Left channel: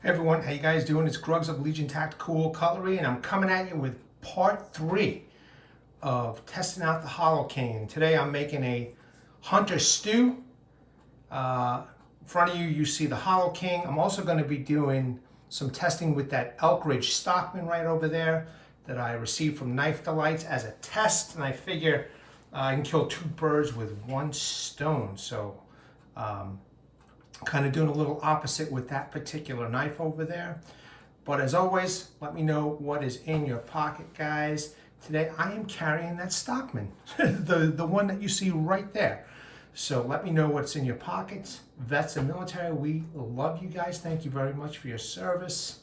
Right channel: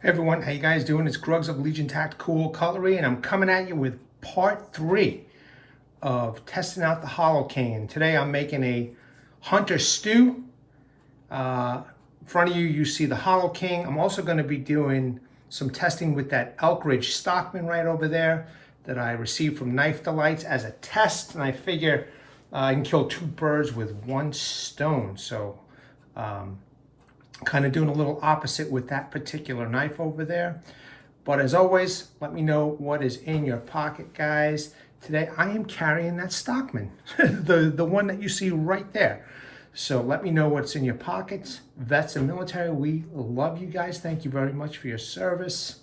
Hey everyone, how you guys doing? It's Grugs of Legion Tactical Cutlery, and I'm coming at you with part 3 of testing out the Hollow King. And today I'm making a hunter stew. In front of you, you see the Hollow King. I'm also going to be doing some testing with that Elk Ridge Stockman right over there that I received from DML Delights as a test. And I figure I can kill 2 birds with 1 stone. So kind of doing a little opposite with that particular knife over there. But as always, let me know what is in your pocket, guys. Today I am carrying that Stockman, the one that you see right there. So let me know what's in your pockets. Vets and military, we love you guys. Thank you very much for your service.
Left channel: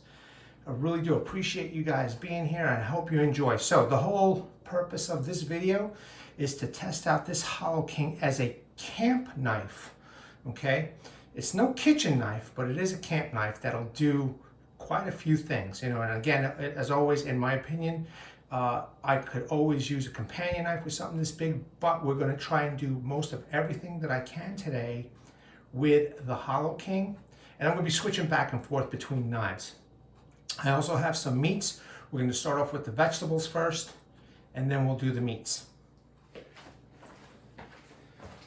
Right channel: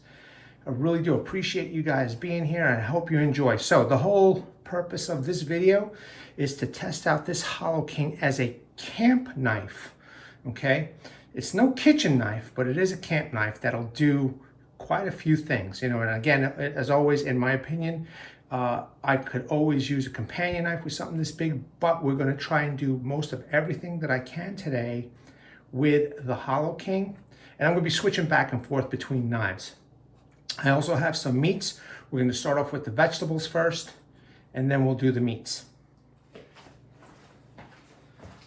I really do appreciate you guys being here, and I hope you enjoy. So the whole purpose of this video is to test out this Hollow King as a camp knife, okay? It's no kitchen knife, but it is a camp knife that'll do quite a few things, you know. And again, as always, in my opinion, I could always use a companion knife with something this big, but we're going to try and do most of everything that I can today with the Hollow King. And I'm going to be switching back and forth between knives. I also have some meats. We're going to start off with the vegetables first, and then we'll do the meats.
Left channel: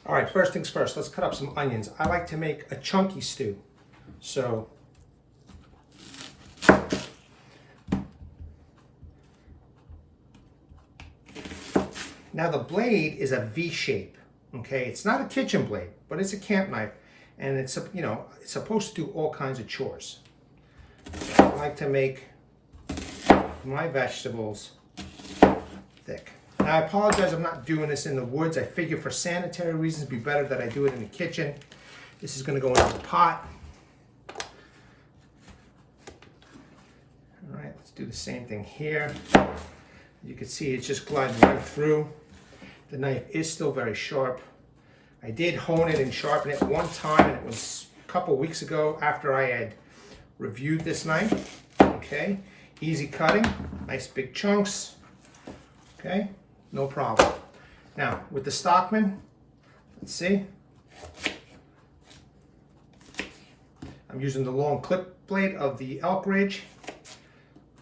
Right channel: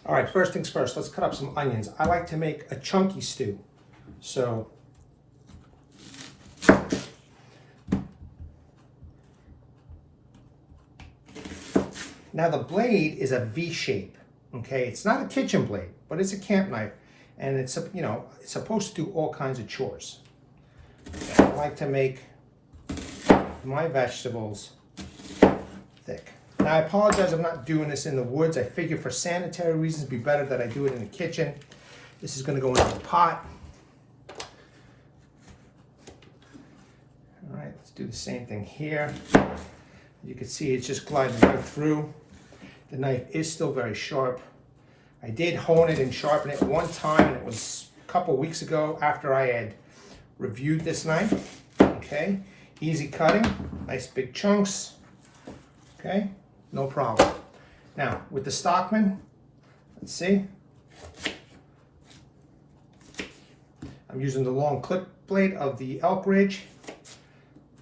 All right, first things first, let's cut up some onions. I like to make a chunky stew. So, now the blade is a V shape, okay? It's not a kitchen blade, but it's a camp knife. And it's, you know, it's supposed to do all kinds of chores. So I like to make my vegetables thick. Now, I apologize, I'm not doing this in the woods. I figure for sanitary reasons, it'd be better that I do it in the kitchen. This is going to go into the pot. All right, let's do the same thing here. You can see it's just gliding right through. The knife is still very sharp. I did hone it and sharpen it one time, and it was a couple weeks ago after I had reviewed this knife. Okay, easy cutting, nice big chunks. Okay. No problem. Now, with the Stockman, let's see. I'm using the long clip blade of the Elk Ridge.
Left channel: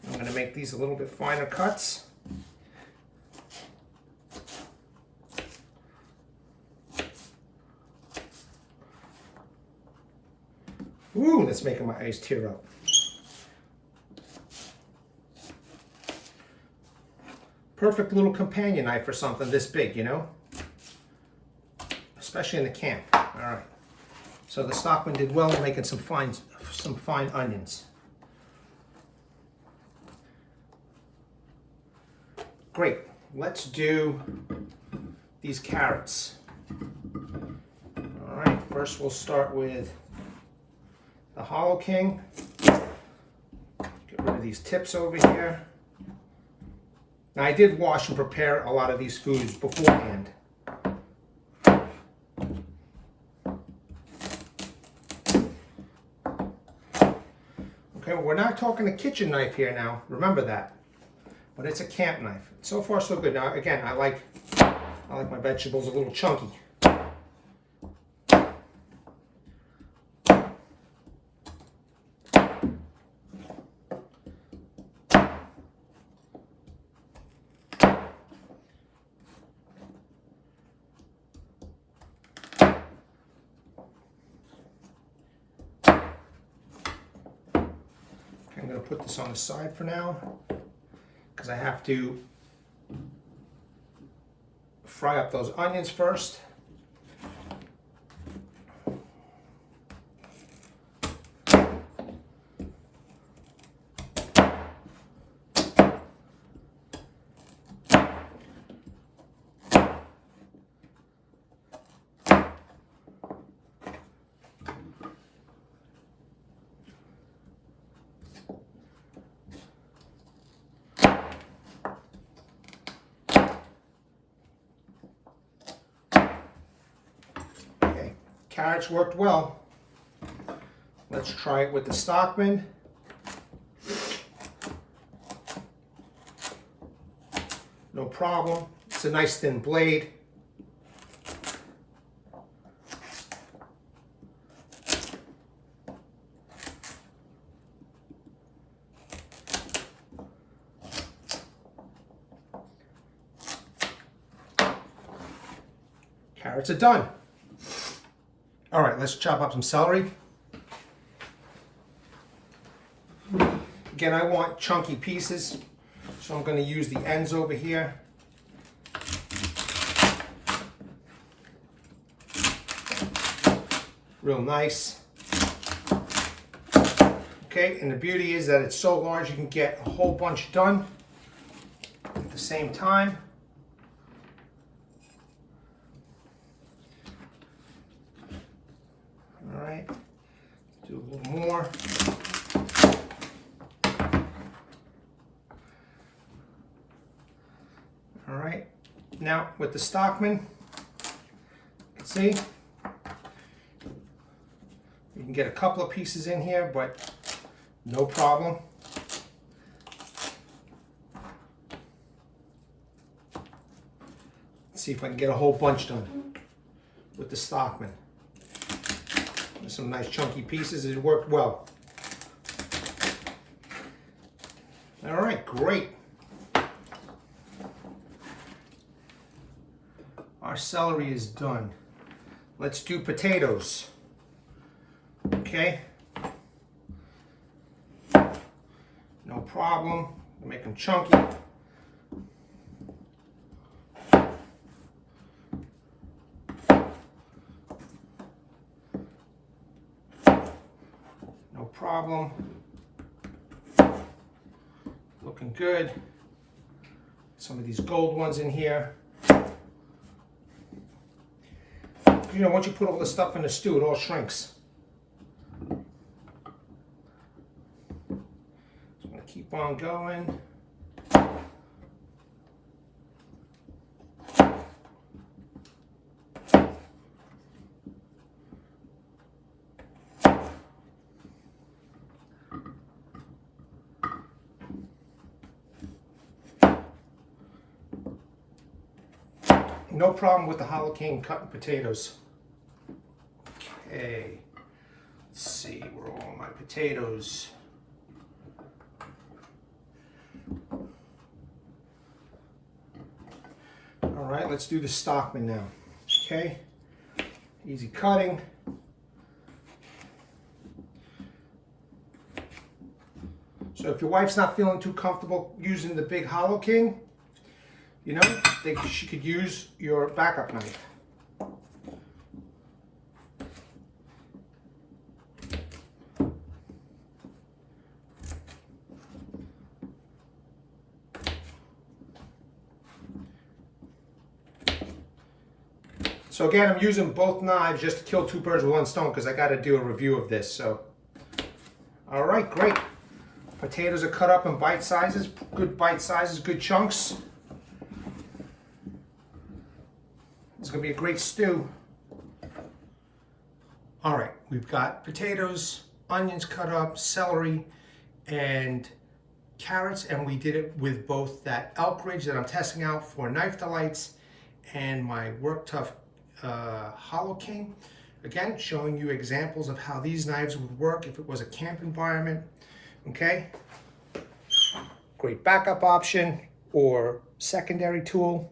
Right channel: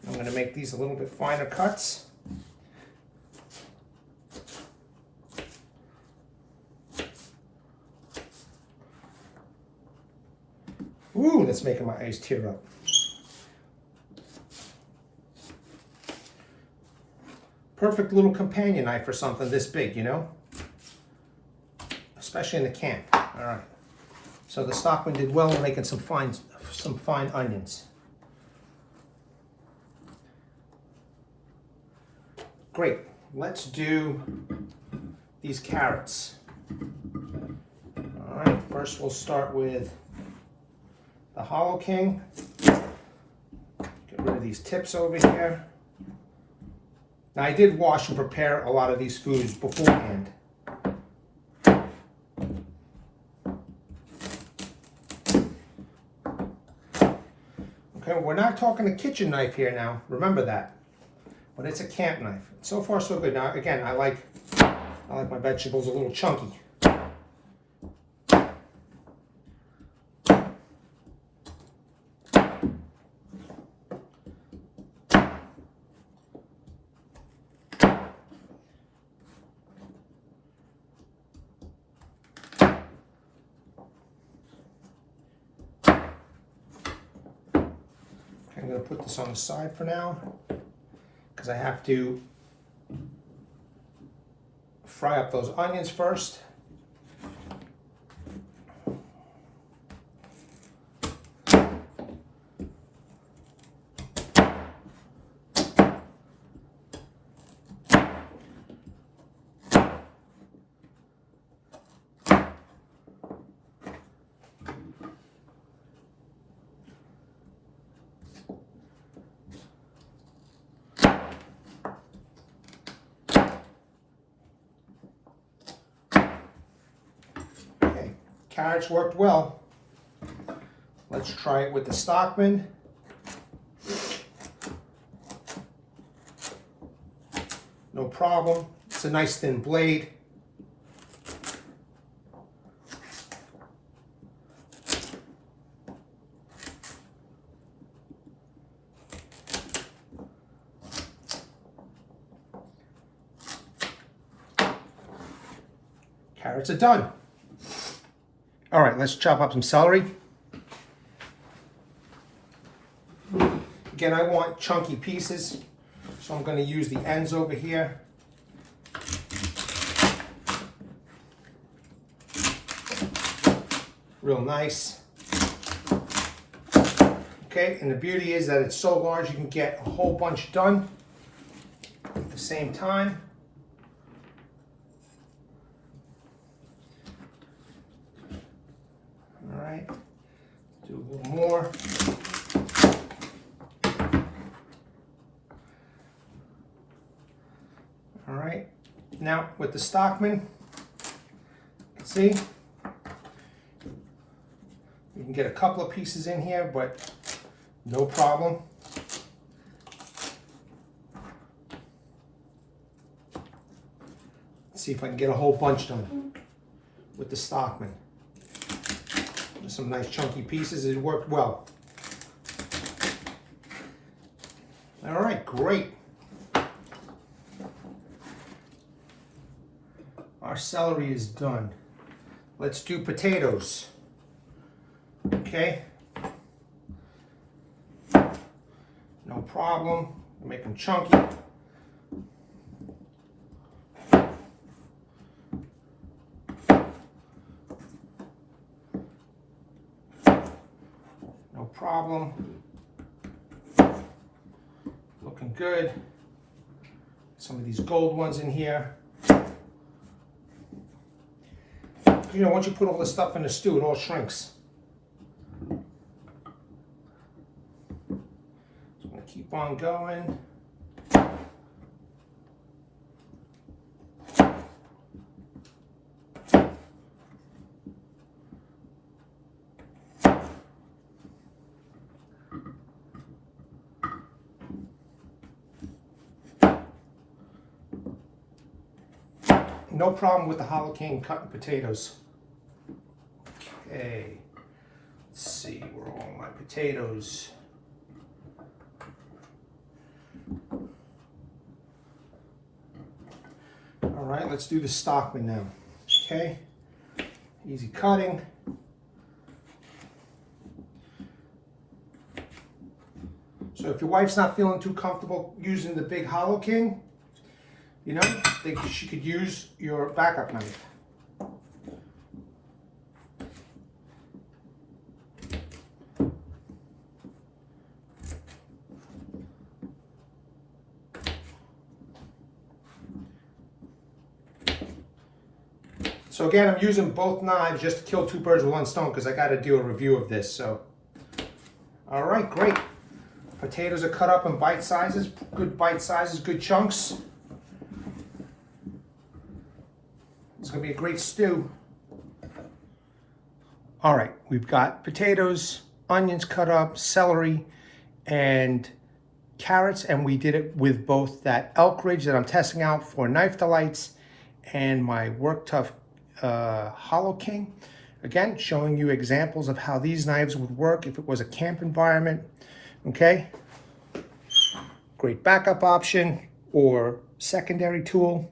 I'm going to make these a little bit finer cuts. Ooh, that's making my eyes tear up. Perfect little companion knife for something this big, you know? Especially in the camp. All right. So the Stockman did well in making some fine onions. Great. Let's do these carrots. All right. First, we'll start with the Hollow King. Get rid of these tips over here. Now, I did wash and prepare a lot of these foods beforehand. Okay, we're not talking a kitchen knife here now. Remember that. But it's a camp knife. So far, so good. Now, again, I like my vegetables a little chunky. I'm going to put this on the side for now because I have to fry up those onions first. Carrots worked well. Let's try it with the Stockman. No problem. It's a nice thin blade. Carrots are done. All right, let's chop up some celery. Again, I want chunky pieces, so I'm going to use the ends over here. Real nice. Okay, and the beauty is that it's so large you can get a whole bunch done at the same time. All right, do a little more. All right, now with the Stockman, see, you can get a couple of pieces in here, but no problem. Let's see if I can get a whole bunch done with the Stockman. There's some nice chunky pieces. It worked well. All right, great. Our celery is done. Let's do potatoes. Okay. No problem. Make them chunky. No problem. Looking good. Some of these gold ones in here. You know, once you put all the stuff in the stew, it all shrinks. So I'm going to keep on going. No problem with the Hollow King cutting potatoes. Okay, let's see, where are all my potatoes? All right, let's do the Stockman now. Okay, easy cutting. So if your wife's not feeling too comfortable using the big Hollow King, you know, she could use your backup knife. So again, I'm using both knives just to kill two birds with one stone because I got to do a review of this. So, all right, great. Potatoes are cut up in bite sizes, good bite sizes, good chunks. It's going to be a great stew. All right, we've got potatoes, onions cut up, celery, and carrots, and we did it with both that Elk Ridge that I'm testing out for Knife Delights and my WorkTuff Hollow King. Again, showing you examples of how these knives would work if it was a camp environment. Okay, great backup option or secondary tool.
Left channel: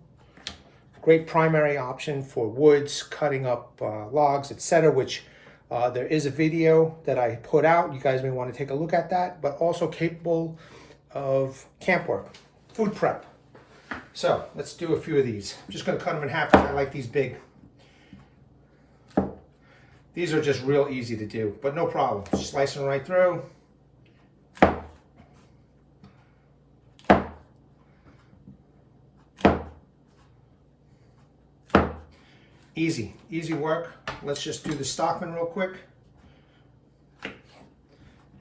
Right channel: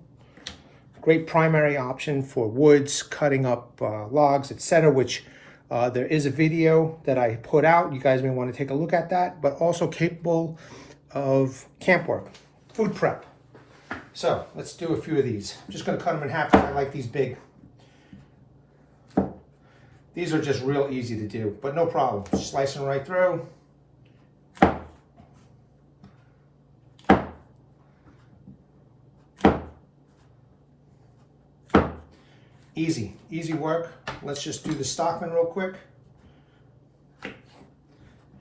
Great primary option for woods, cutting up logs, etc., which there is a video that I put out. You guys may want to take a look at that, but also capable of camp work, food prep. So let's do a few of these. I'm just going to cut them in half because I like these big. These are just real easy to do, but no problem. Just slicing right through. Easy, easy work. Let's just do the Stockman real quick.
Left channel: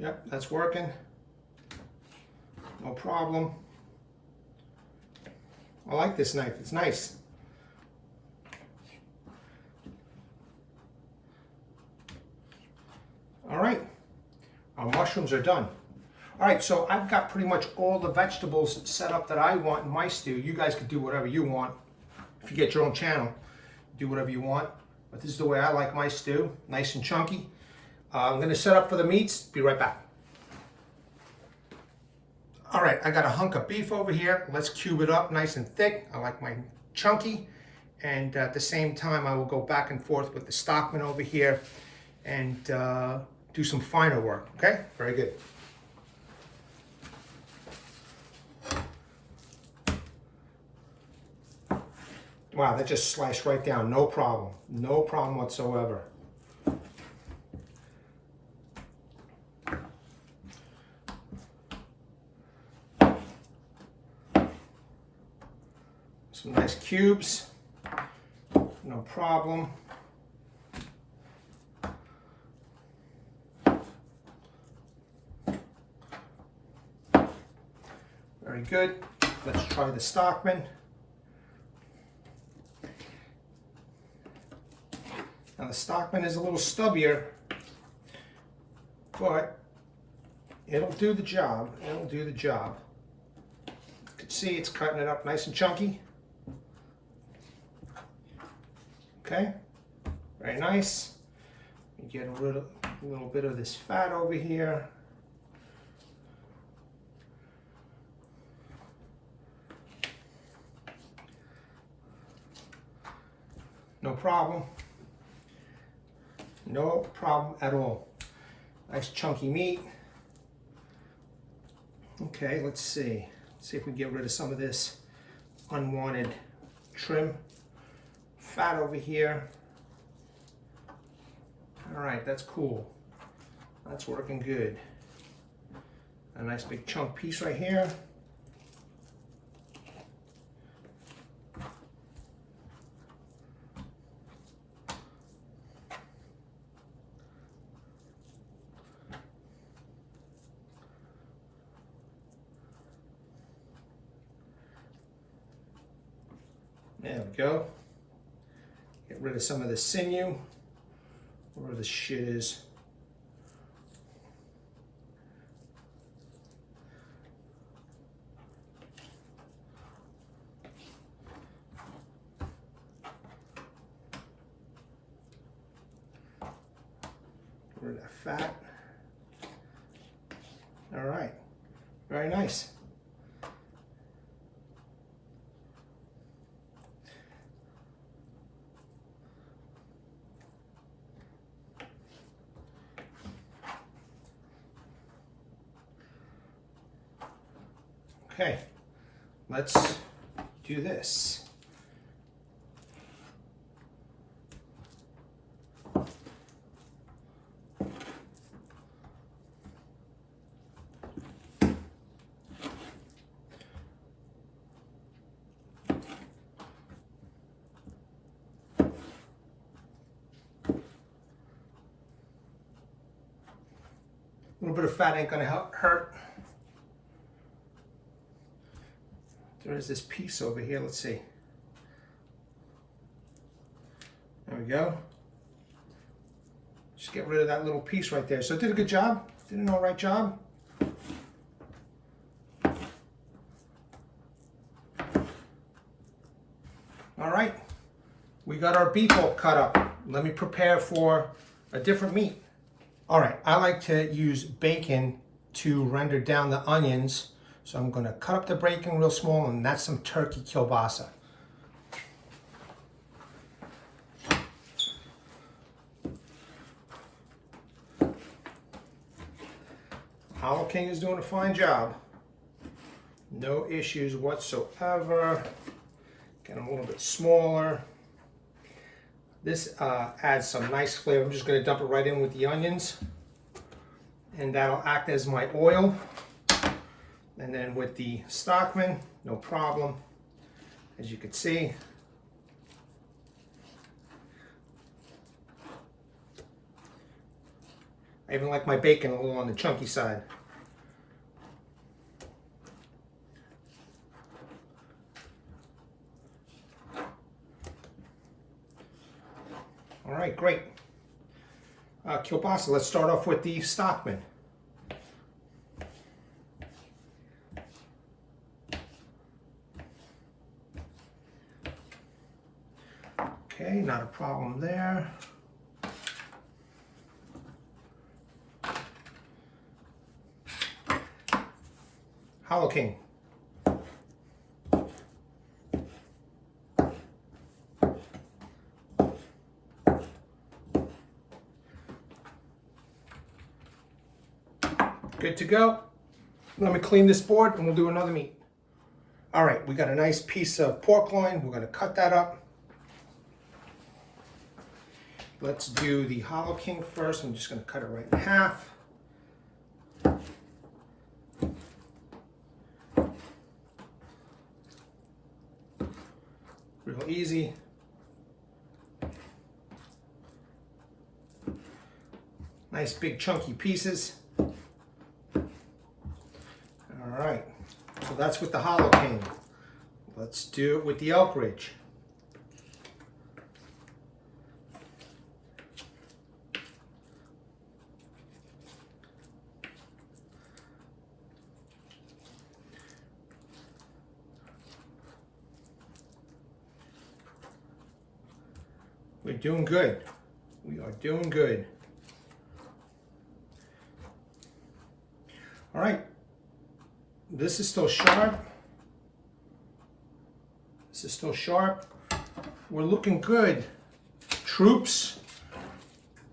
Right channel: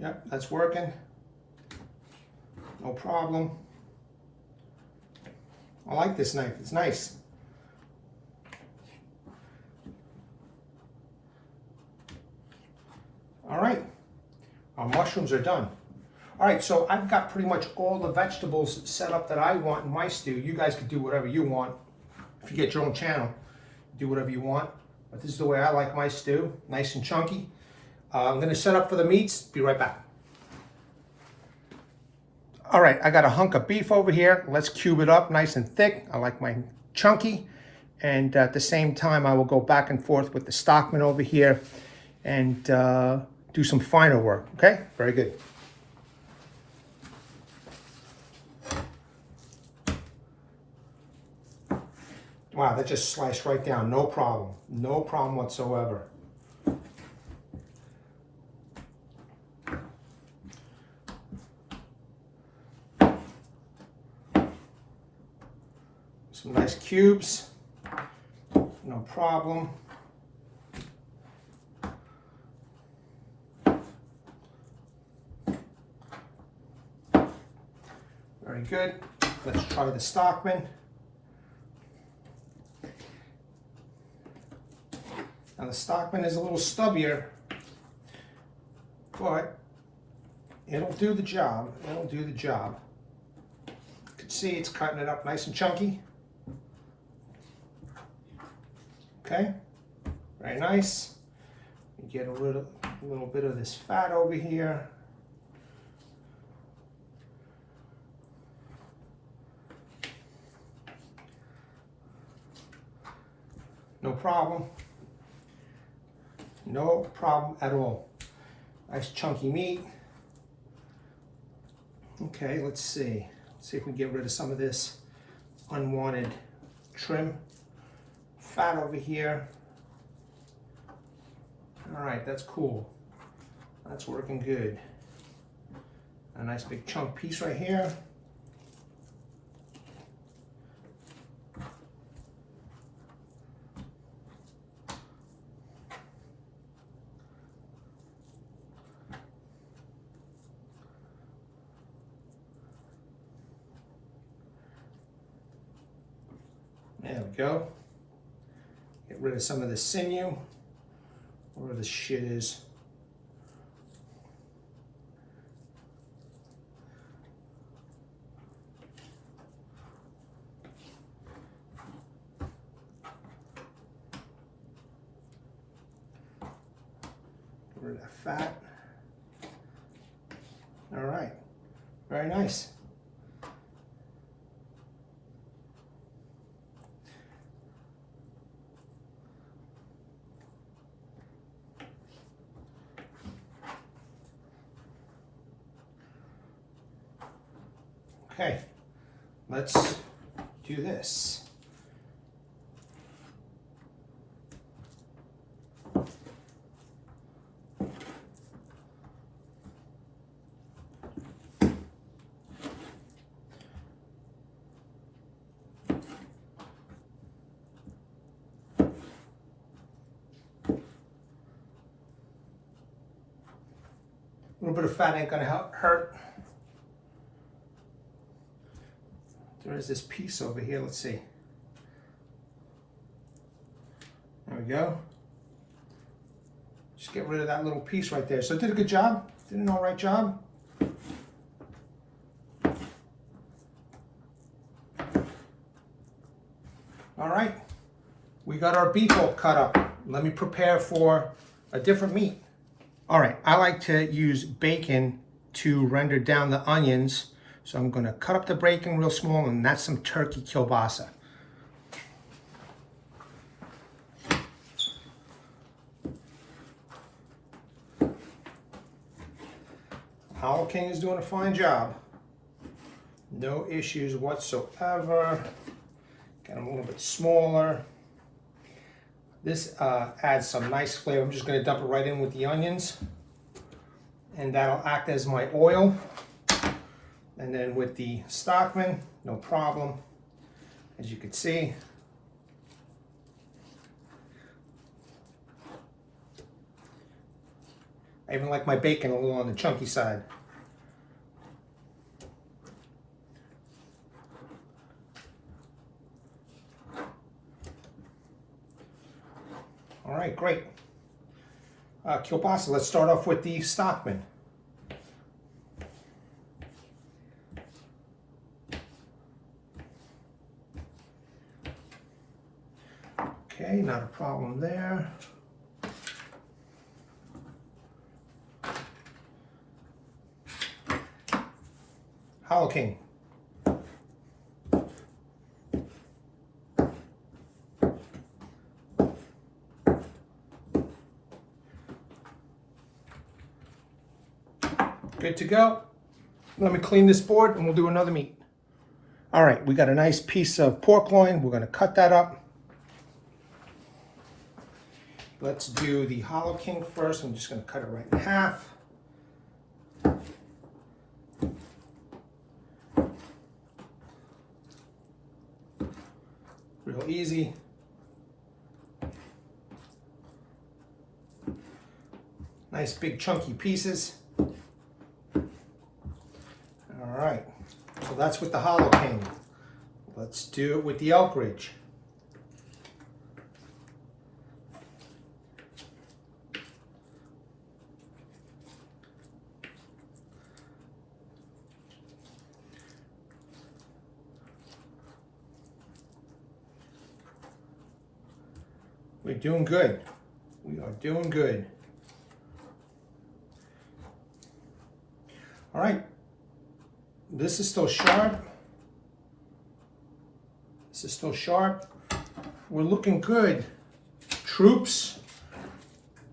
Yep, that's working. No problem. I like this knife, it's nice. All right, our mushrooms are done. All right, so I've got pretty much all the vegetables set up that I want in my stew. You guys could do whatever you want. If you get your own channel, do whatever you want. But this is the way I like my stew, nice and chunky. I'm gonna set up for the meats, be right back. All right, I got a hunk of beef over here. Let's cube it up nice and thick. I like mine chunky. and at the same time I will go back and forth with the Stockman over here and do some finer work. Okay, very good. Wow, that just sliced right down, no problem whatsoever. Some nice cubes, no problem. Very good. Let's try the Stockman. Now the Stockman is a little stubbier, but it'll do the job. It'll do the job. You can see it's cutting it up nice and chunky. Okay, very nice. You get a little bit of this fat over here. No problem. No problem at all. Nice chunky meat. Okay, let's see. Let's see if we can get rid of some of this unwanted trim. Fat over here. All right, that's cool. That's working good. A nice big chunk piece right here. There we go. Get rid of some of the sinew, where the shit is. Get rid of that fat. All right, very nice. Okay, let's do this. A little bit of fat ain't gonna hurt. There is this piece over here, let's see. There we go. Just get rid of that little piece right there. So it did a good job, did an all right job. All right, we got our beef all cut up. Let me prepare for a different meat. All right, I like to use bacon to render down the onions. So I'm going to cut up the bacon real small, and that's some turkey kielbasa. Hollow King is doing a fine job. No issues whatsoever. Get them a little bit smaller. This adds some nice flavor. I'm just going to dump it right in with the onions, and that'll act as my oil. And then with the Stockman, no problem, as you can see. I even like my bacon a little on the chunky side. All right, great. Kielbasa, let's start off with the Stockman. Okay, not a problem there. Hollow King. Good to go. Let me clean this board and we'll do another meat. All right, we got a nice piece of pork loin. We're gonna cut that up. Let's do the Hollow King first. I'm just gonna cut it right in half. Real easy. Nice big chunky pieces. All right, so that's with the Hollow King. Let's do it with the Elk Ridge. We're doing good. We are doing good. All right. This is still sharp. This is still sharp. We're looking good. Troops.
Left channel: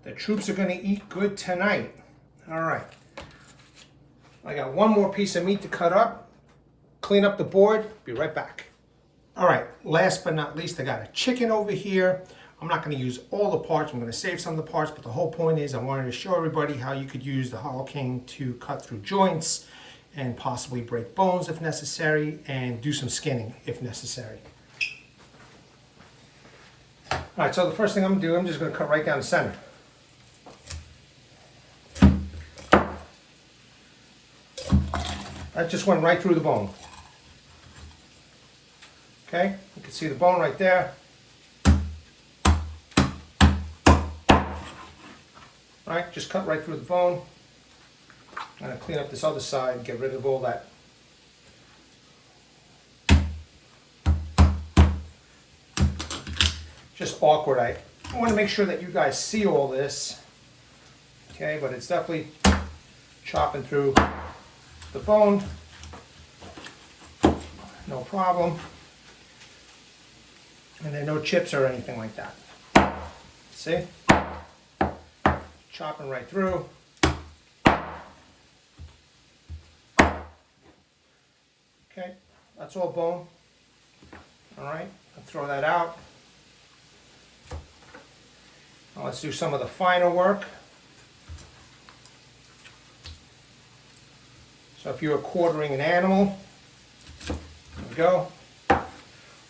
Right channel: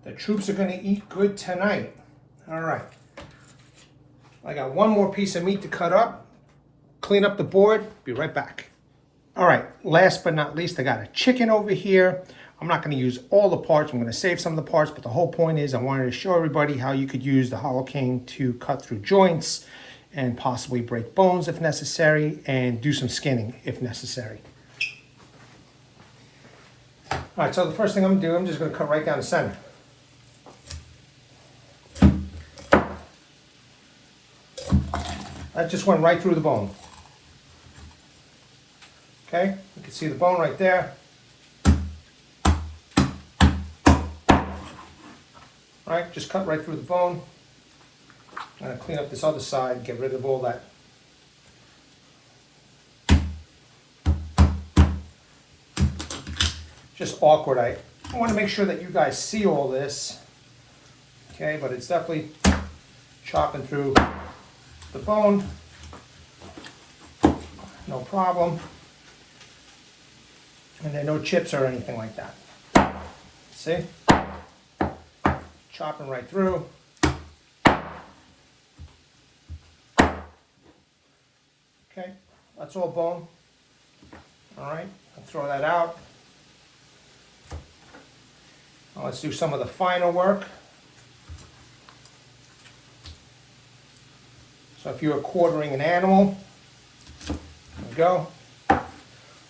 The troops are going to eat good tonight. All right. I got one more piece of meat to cut up. Clean up the board. Be right back. All right. Last but not least, I got a chicken over here. I'm not going to use all the parts. I'm going to save some of the parts, but the whole point is I wanted to show everybody how you could use the Hollow King to cut through joints and possibly break bones if necessary, and do some skinning if necessary. All right, so the first thing I'm going to do, I'm just going to cut right down the center. That just went right through the bone. Okay, you can see the bone right there. All right, just cut right through the bone. I'm going to clean up this other side, get rid of all that. Just awkward. I want to make sure that you guys see all this. Okay, but it's definitely chopping through the bone. No problem. And there are no chips or anything like that. See? Chopping right through. Okay, that's all bone. All right, I'll throw that out. Now let's do some of the finer work. So if you were quartering an animal, there we go.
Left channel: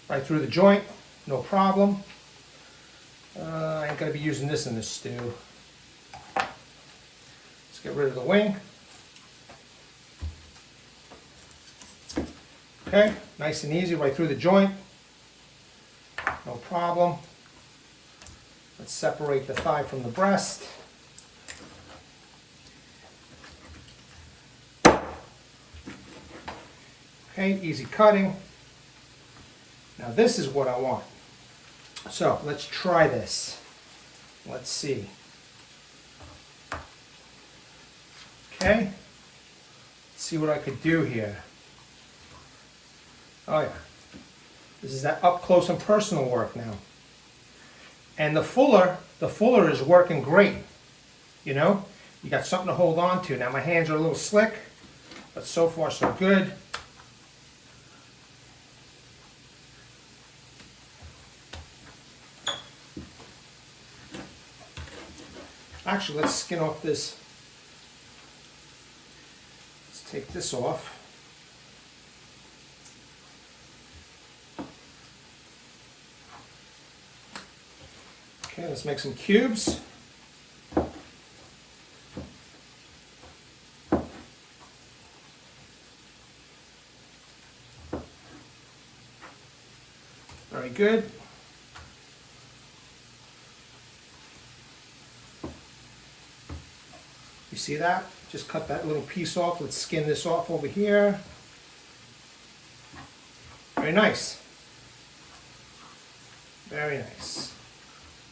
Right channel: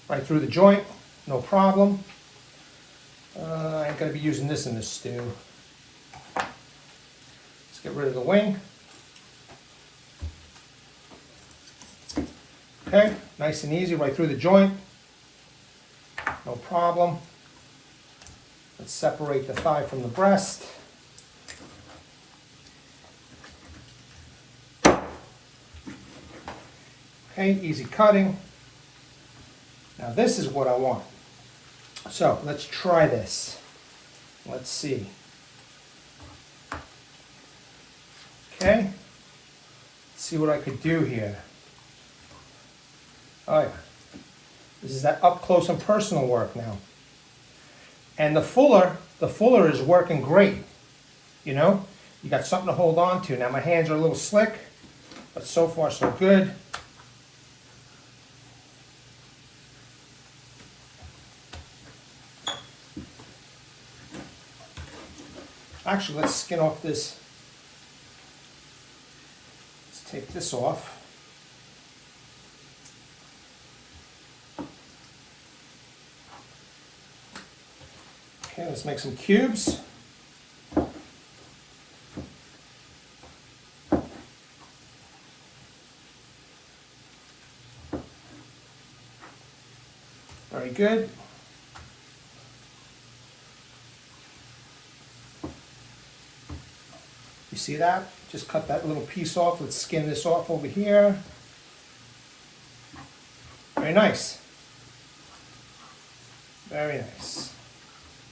Right through the joint, no problem. I ain't gonna be using this in this stew. Let's get rid of the wing. Okay, nice and easy, right through the joint. No problem. Let's separate the thigh from the breast. Okay, easy cutting. Now this is what I want. So let's try this. Let's see. Okay, let's see what I could do here. All right, this is that up close and personal work now. And the fuller is working great. You know, you got something to hold on to. Now my hands are a little slick, but so far so good. Actually, let's skin off this. Let's take this off. Okay, let's make some cubes. Very good. You see that? Just cut that little piece off. Let's skin this off over here. Very nice. Very nice.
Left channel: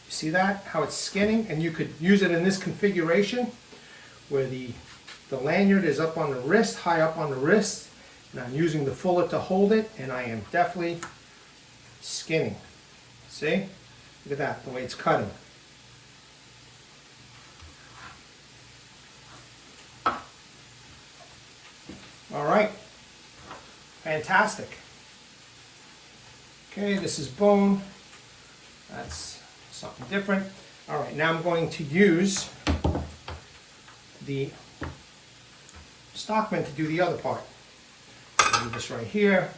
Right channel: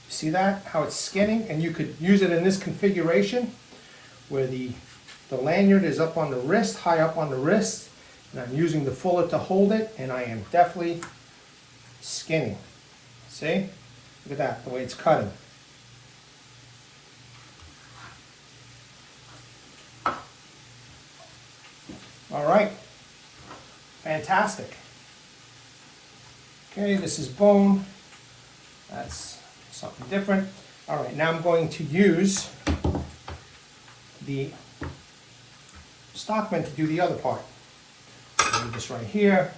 See that? How it's skinning? And you could use it in this configuration where the lanyard is up on the wrist, high up on the wrist. And I'm using the fuller to hold it, and I am definitely skinning. See? Look at that, the way it's cutting. right, fantastic. Okay, this is bone. That's something different. All right, now I'm going to use the Stockman to do the other part. I'll do this right here.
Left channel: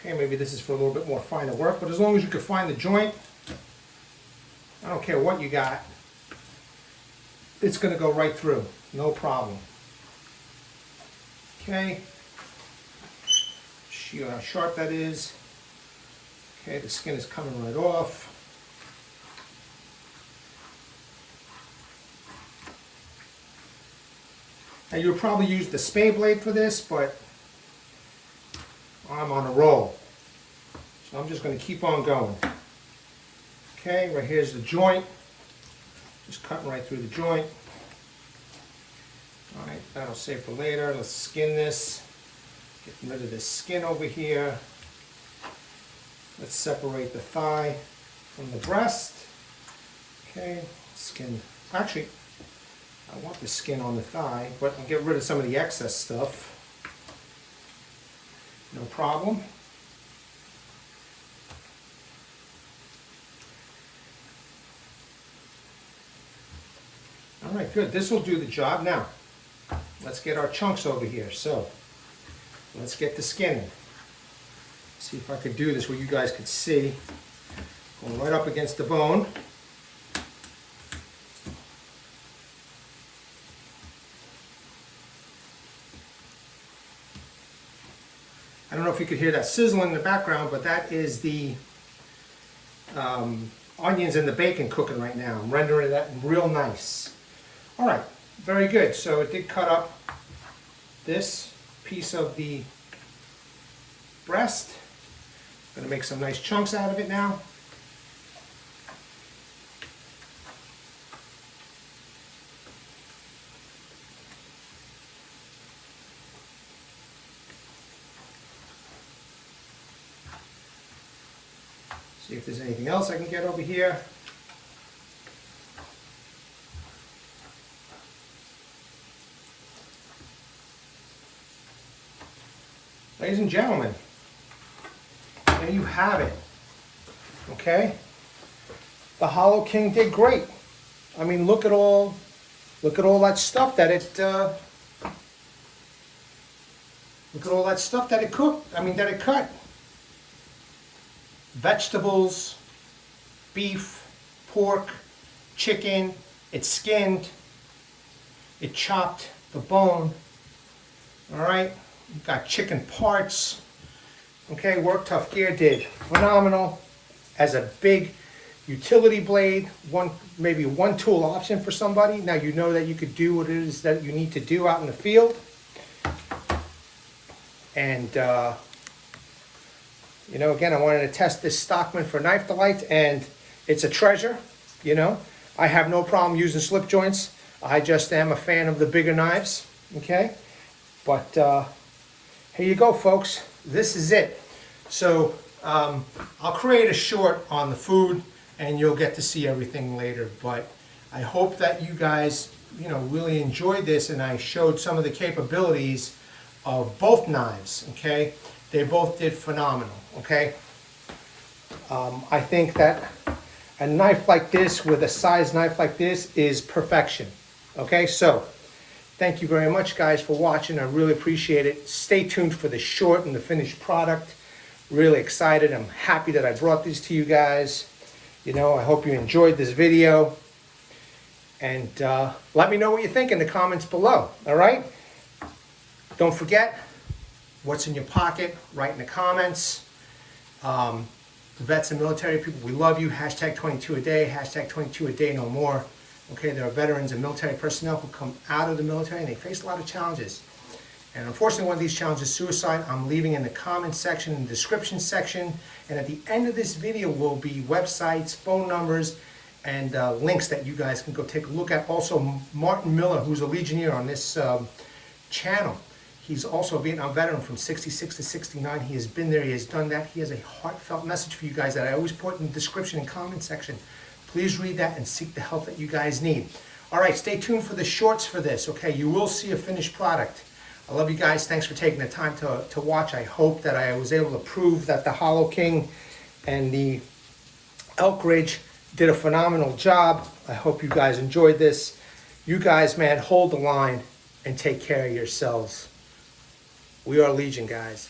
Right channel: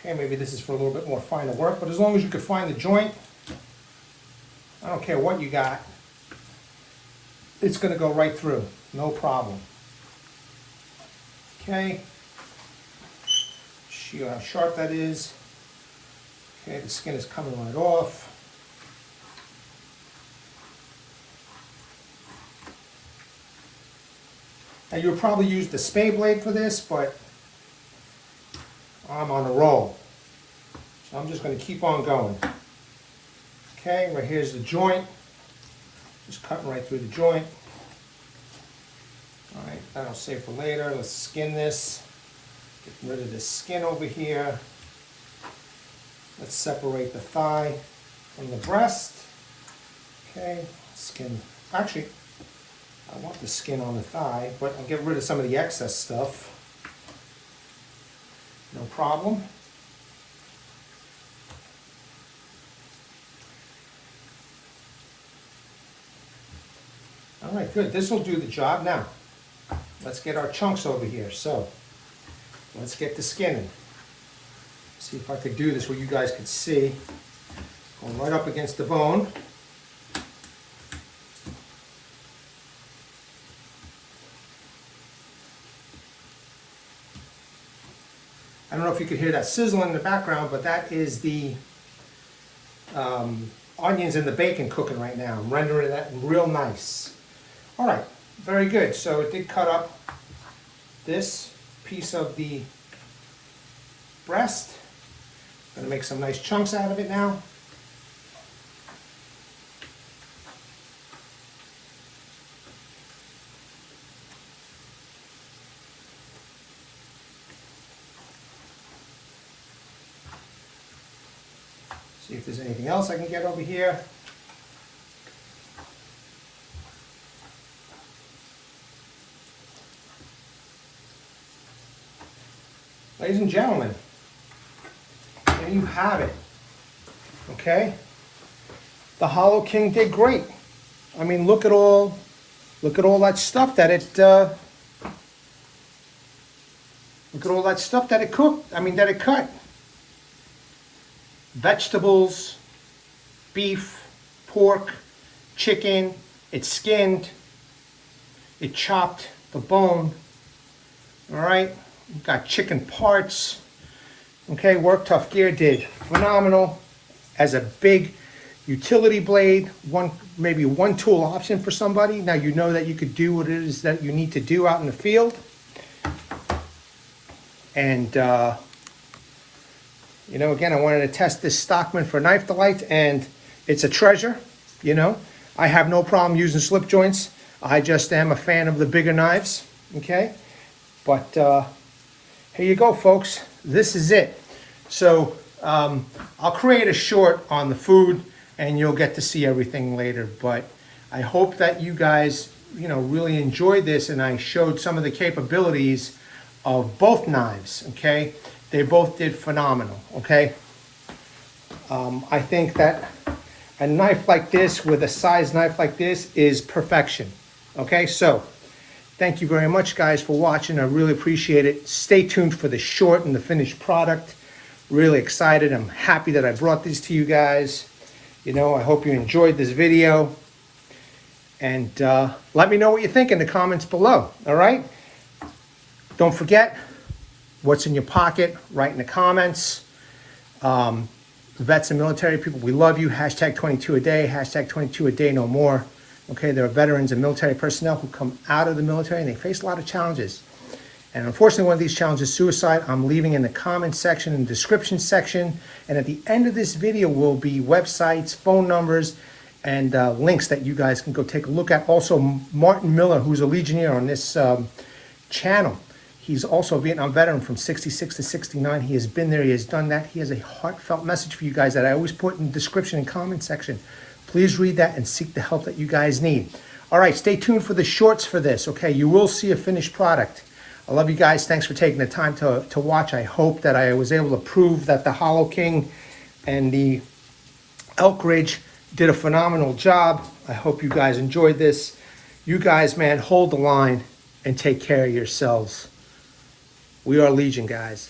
Okay, maybe this is for a little bit more finer work, but as long as you can find the joint, I don't care what you got, it's going to go right through, no problem. Okay, see how sharp that is. Okay, the skin is coming right off. And you'll probably use the Spey blade for this, but I'm on a roll. So I'm just going to keep on going. Okay, right here's the joint. Just cutting right through the joint. All right, that'll save for later. Let's skin this. Get rid of this skin over here. Let's separate the thigh from the breast. Okay, skin. Actually, I want the skin on the thigh, but I'll get rid of some of the excess stuff. No problem. All right, good. This will do the job. Now, let's get our chunks over here. So, let's get the skin. See if I could do this where you guys could see. Going right up against the bone. I don't know if you could hear that sizzling in the background, but that is the onions and the bacon cooking right now. I'm rendering that real nice. All right, very good. So it did cut up this piece of the breast. I'm gonna make some nice chunks out of it now. See if there's anything else I can get over here. Ladies and gentlemen, there you have it. Okay? The Hollow King did great. I mean, look at all that stuff that it look at all that stuff that it cooked. I mean, that it cut. Vegetables, beef, pork, chicken, it skinned, it chopped the bone. All right, we've got chicken parts. Okay, WorkTuffGear did phenomenal as a big utility blade, maybe one tool option for somebody. Now you know that you could do what it is that you need to do out in the field. And you know, again, I wanted to test this Stockman for knife delight, and it's a treasure. You know, I have no problem using slip joints. I just am a fan of the bigger knives. Okay, but here you go, folks. This is it. So I'll create a short on the food, and you'll get to see everything later. But I hope that you guys, you know, really enjoyed this, and I showed some of the capabilities of both knives. Okay. They both did phenomenal, okay? I think that a knife like this with a size knife like this is perfection, okay? So, thank you very much, guys, for watching. I really appreciate it. Stay tuned for the short and the finished product. Really excited. I'm happy that I brought this to you guys. You know, I hope you enjoyed this video. And let me know what you think in the comments below, all right? Don't forget, what's in your pocket, write in the comments. Vets and military people, we love you. Hashtag 22 a day, hashtag 22 a day no more. Okay, there are veterans and military personnel who come out of the military and they face a lot of challenges. And unfortunately, one of these challenges is suicide. I'm leaving in the comments section and description section. And at the end of this video will be websites, phone numbers, and links that you guys can go take a look at. Also, Martin Miller, who's a Legionnaire on this channel. He's also a Vietnam veteran from 66 to 69. He has been there, he has done that. He has a heartfelt message for you guys that I always put in the description and comment section. Please read that and seek the help that you guys need. All right, stay tuned for the shorts for this, okay? You will see a finished product. I love you guys. Thanks for taking the time to watch. I hope that I was able to prove that the Hollow King and the Elk Ridge did a phenomenal job. I hope you guys enjoyed this. You guys, man, hold the line and take care of yourselves. We are Legion, guys.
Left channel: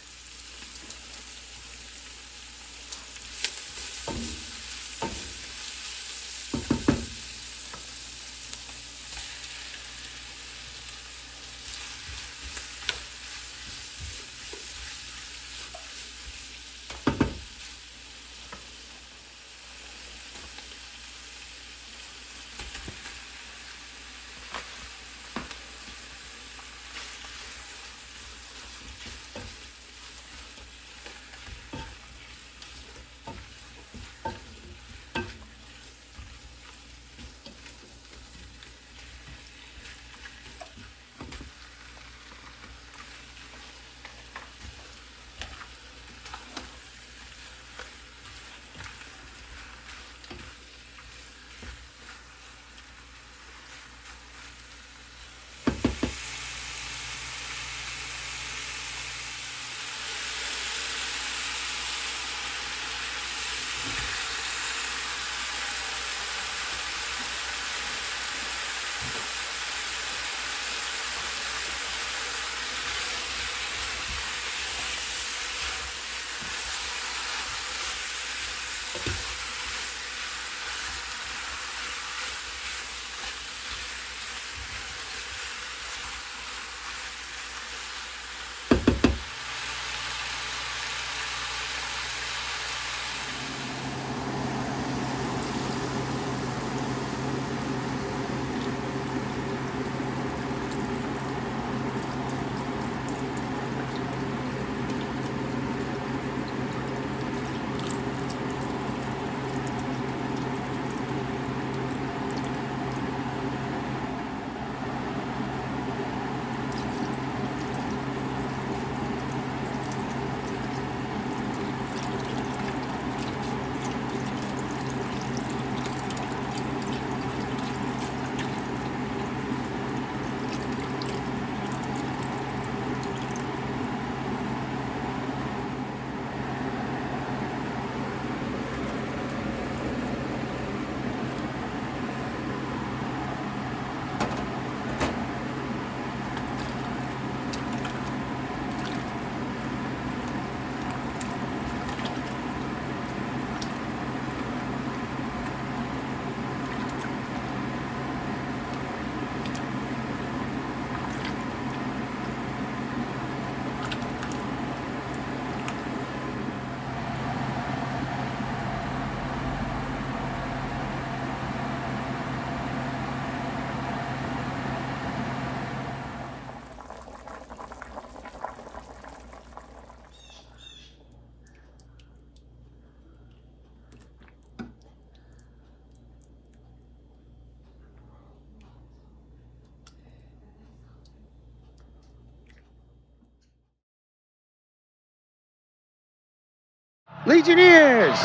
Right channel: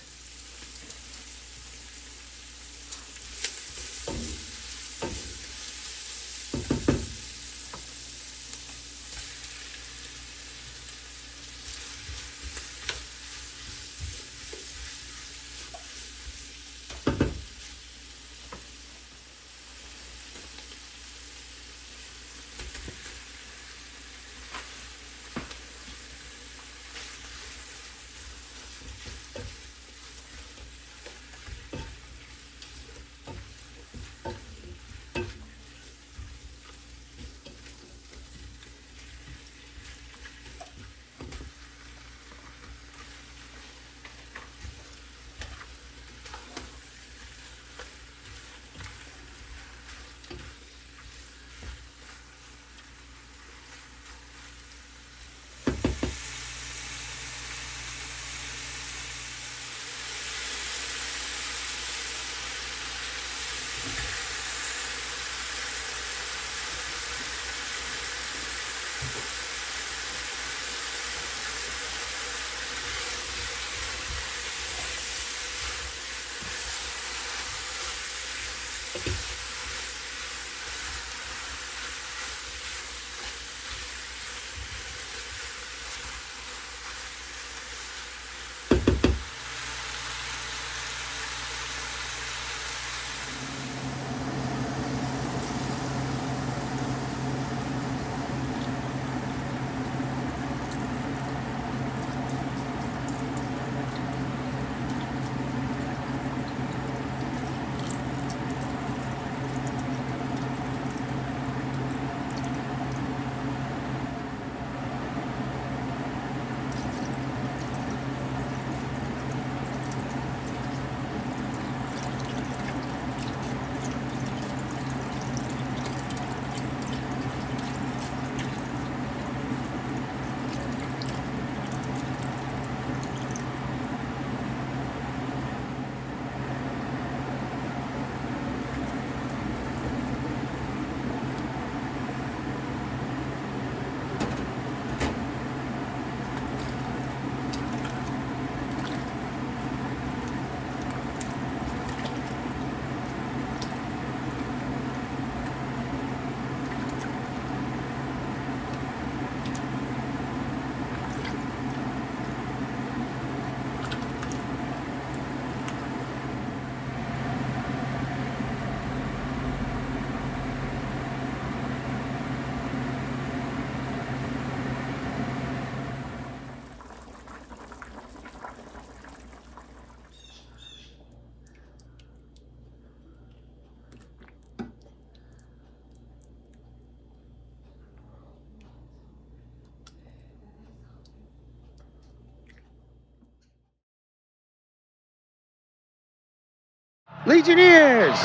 Legionnaires!